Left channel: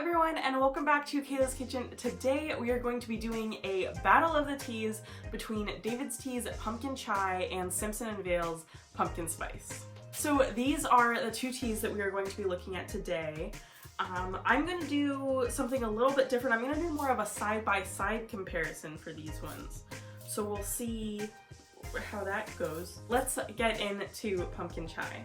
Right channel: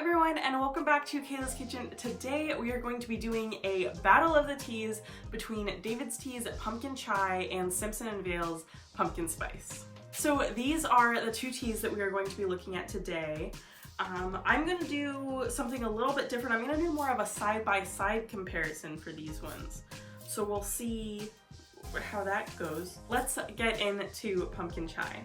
everyone, and welcome back to Kayla's Kitchen. Today we are going to be doing a battle of the teas between David's Tea's Pumpkin Chai and Simpson Vail's Pumpkin Spice. So these are the two teas that we are going to be looking at today. I'm going to do something a little bit different. I'm going to do more of a side-by-side comparison for these ones. So we'll see how that goes. Let's get into Pumpkin Chai.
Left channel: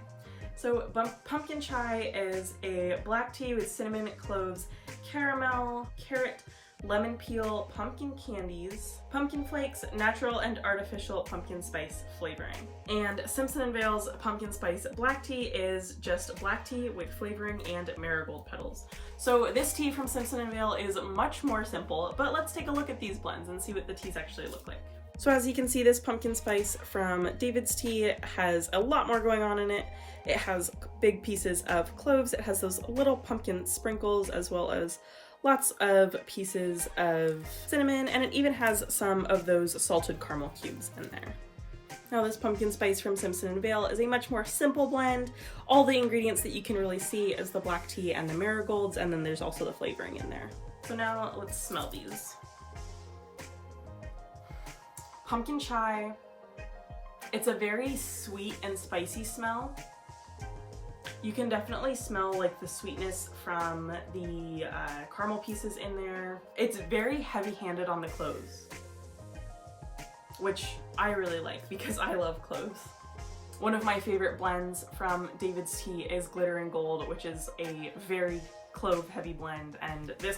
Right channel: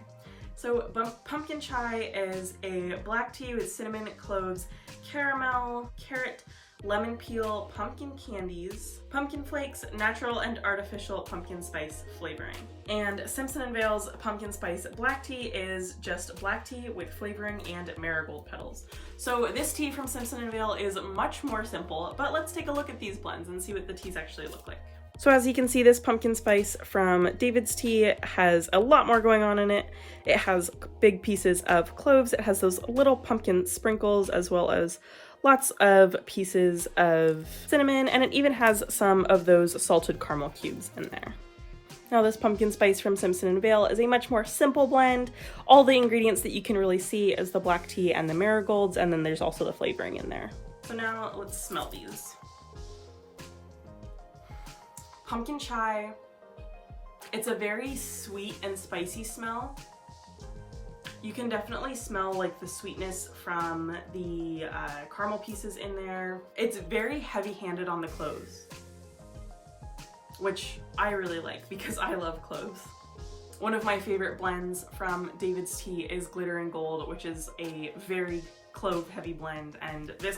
So Pumpkin Chai is a black tea with cinnamon, cloves, caramel, carrot, lemon peel, pumpkin candies, pumpkin flakes, natural and artificial pumpkin spice flavoring. And Simpson Vail's Pumpkin Spice Black Tea is just black tea with flavoring and marigold petals. So this tea from Simpson Vail is much more simple, but let's take a look at these blends and see what the teas actually look like. So as you can see, this pumpkin spice from David's Tea has a lot more going on in it. It has big pieces of cloves, it has those little pumpkin sprinkles, as well as lots of pieces of cinnamon, and it even has some of those salted caramel cubes in there. Now this pumpkin spice from Simpson Vail is a much more simple blend. All the ingredients that you can really see is the black tea and the marigolds, and then there's also the flavoring in there. So now let's smell these. Pumpkin Chai, it's a very sweet and spicy smell. You can definitely smell like the sweetness from the caramel pieces in there. It's very heavy-handed on the cloves, which I really like because I love cloves. One of my favorite blends from David's Tea is Glitter and Gold, which is a very clove-heavy blend, and this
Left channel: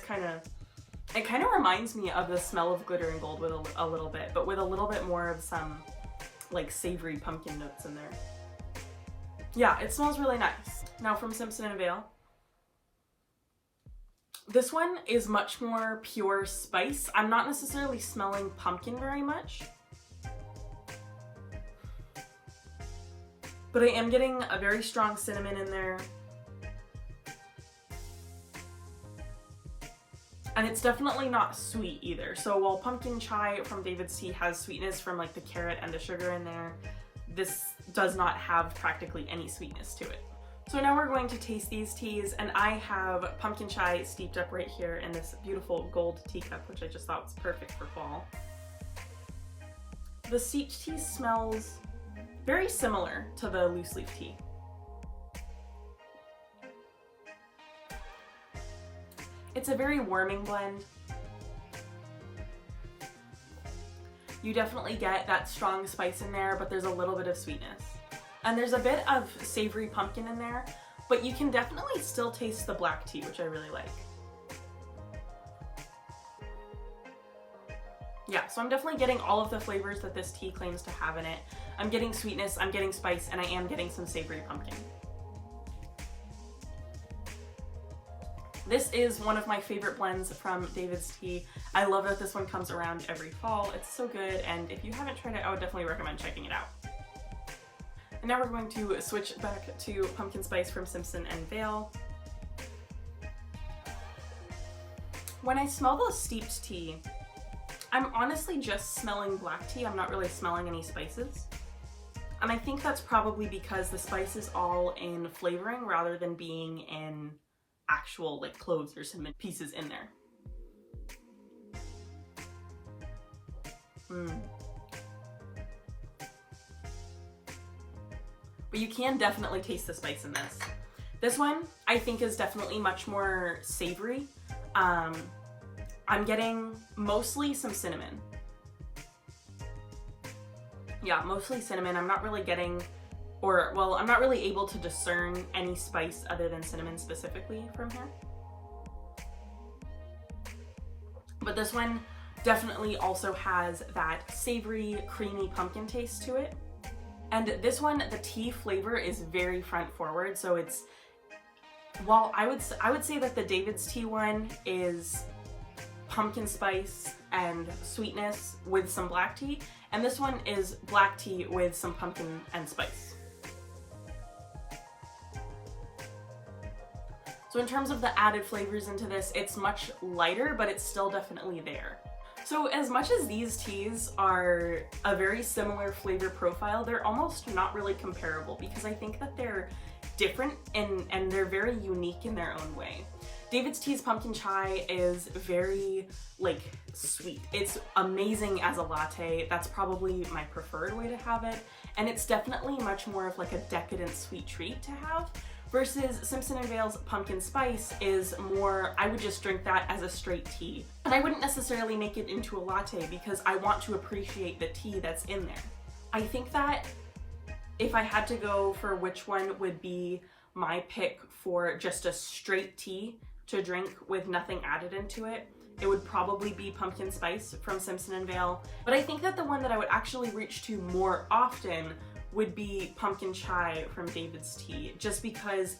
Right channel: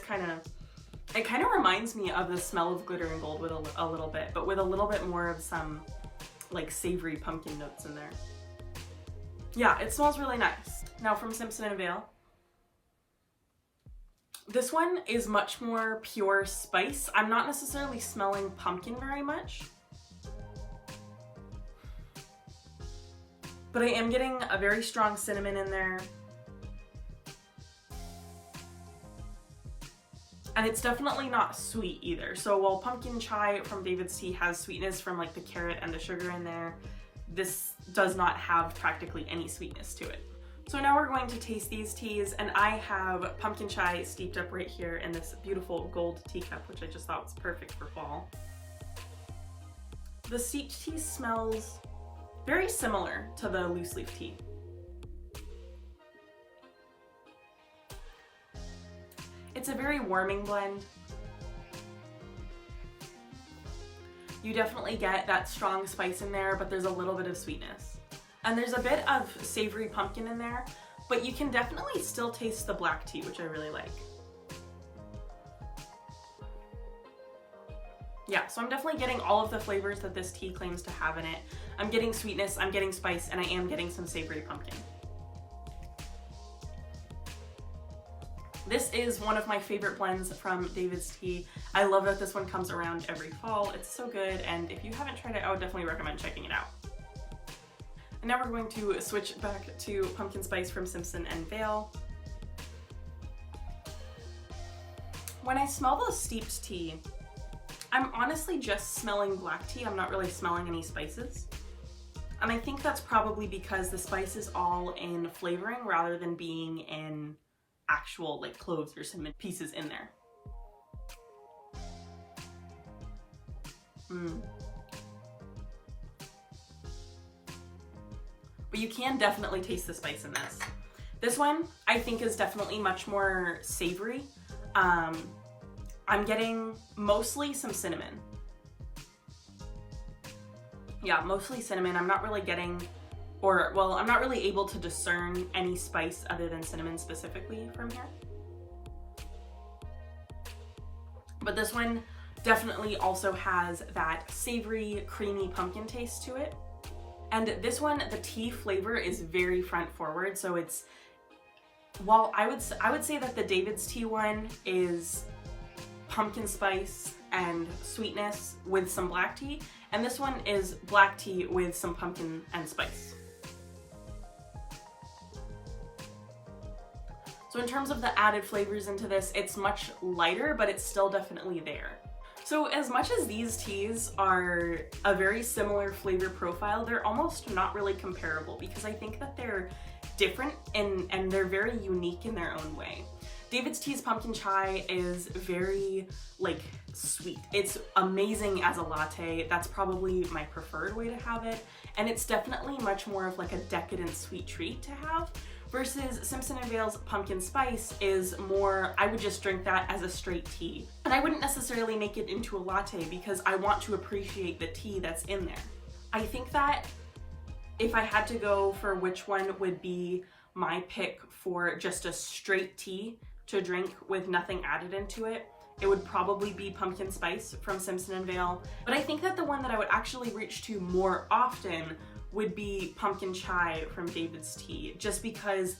it kind of reminds me of the smell of Glitter and Gold with a little bit, but with a little bit more of some like savory pumpkin notes in there. Yeah, it smells really nice. Now from Simpson Vail. This one is much more pure spice. I'm not necessarily smelling pumpkin very much, but I am getting a very strong cinnamon in there. And it's definitely not sweet either. So while Pumpkin Chai from David's Tea has sweetness from like the carrot and the sugar in there, this does not have practically any sweetness to it. So now we're going to taste these teas, and I have Pumpkin Chai steeped up right here in this beautiful gold teacup, which I just thought was perfect for fall. The steeped tea smells very similar to the loose leaf tea. It's a very warming blend. You definitely get that strong spice in there, but there's a little bit of sweetness. And there's a bit of savory pumpkin in there, but you can definitely still taste the black tea, which I really like. Yeah, so I'm definitely getting all of the flavors that this tea claims to have in it. I'm getting sweetness, I'm getting spice, and I am getting some savory pumpkin. This is one of my favorite blends from David's Tea. I love that this one comes around every fall. It's so good, and if you haven't tried it, I would definitely recommend checking it out. And now we're going to switch back to Pumpkin Spice from Simpson Vail. When I smell the steeped tea, I'm honestly just smelling black tea. I'm not really smelling any spices. And I think that's probably because the spice is all in flavoring rather than being in actual like cloves or cinnamon pieces in there. But you can definitely taste the spice in this. This one I think is definitely much more savory. I'm getting mostly some cinnamon. Yeah, mostly cinnamon. I'm not really getting I'm not really able to discern any spice other than cinnamon specifically from here. But this one definitely also has that savory, creamy pumpkin taste to it. And this one, the tea flavor is very front forward. So while I would say that the David's Tea one is pumpkin spice and sweetness with some black tea, and this one is black tea with some pumpkin and spice. So in terms of the added flavors into this, it's much lighter, but it's still definitely there. So as much as these teas are a very similar flavor profile, they're almost not really comparable because I think that they're different and they're very unique in their own way. David's Tea's pumpkin chai is very like sweet. It's amazing as a latte. That's probably my preferred way to have it. And it's definitely much more of like a decadent sweet treat to have. Versus Simpson Vail's pumpkin spice is more, I would just drink that as a straight tea. And I wouldn't necessarily make it into a latte because I want to appreciate the tea that's in there. I think that if I had to go for which one would be my pick for just a straight tea to drink with nothing added into it, it would probably be pumpkin spice from Simpson Vail. But I think that the one that I would actually reach to more often would be pumpkin chai from David's Tea, just because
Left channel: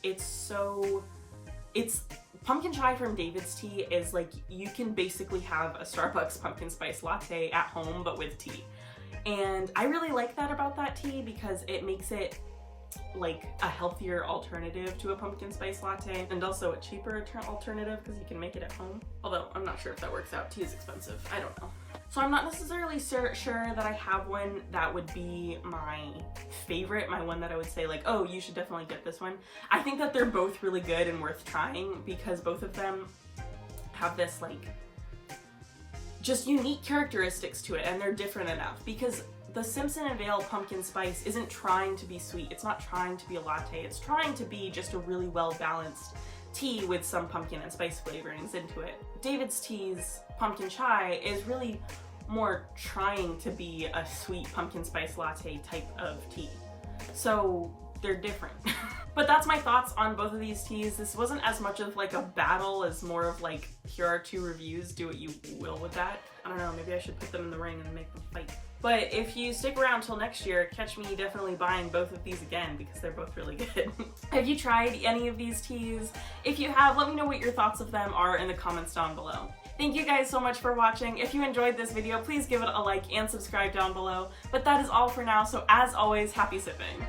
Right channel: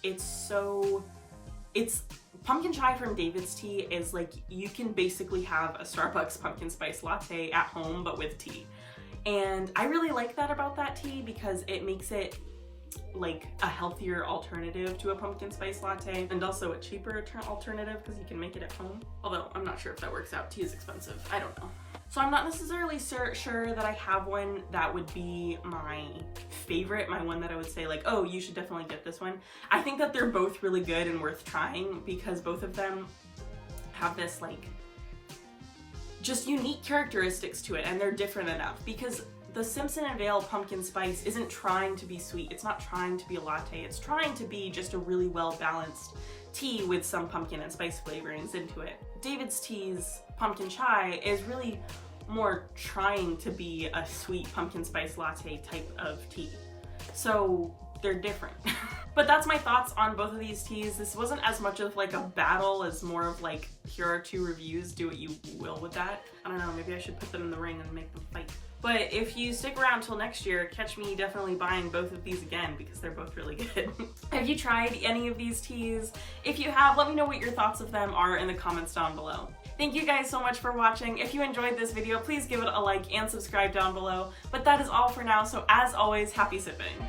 pumpkin chai from David's Tea is like, you can basically have a Starbucks pumpkin spice latte at home, but with tea. And I really like that about that tea because it makes it like a healthier alternative to a pumpkin spice latte, and also a cheaper alternative because you can make it at home. Although I'm not sure if that works out. Tea is expensive. I don't know. So I'm not necessarily sure that I have one that would be my favorite, my one that I would say like, oh, you should definitely get this one. I think that they're both really good and worth trying because both of them have this like just unique characteristics to it, and they're different enough because the Simpson Vail pumpkin spice isn't trying to be sweet. It's not trying to be a latte. It's trying to be just a really well-balanced tea with some pumpkin and spice flavorings into it. David's Tea's pumpkin chai is really more trying to be a sweet pumpkin spice latte type of tea. So they're different. But that's my thoughts on both of these teas. This wasn't as much of like a battle as more of like, here are two reviews, do what you will with that. I don't know, maybe I should put them in the ring and make them fight. But if you stick around till next year, catch me definitely buying both of these again because they're both really good. Have you tried any of these teas? If you have, let me know what your thoughts of them are in the comments down below. Thank you guys so much for watching. If you enjoyed this video, please give it a like and subscribe down below. But that is all for now, so as always, happy sipping.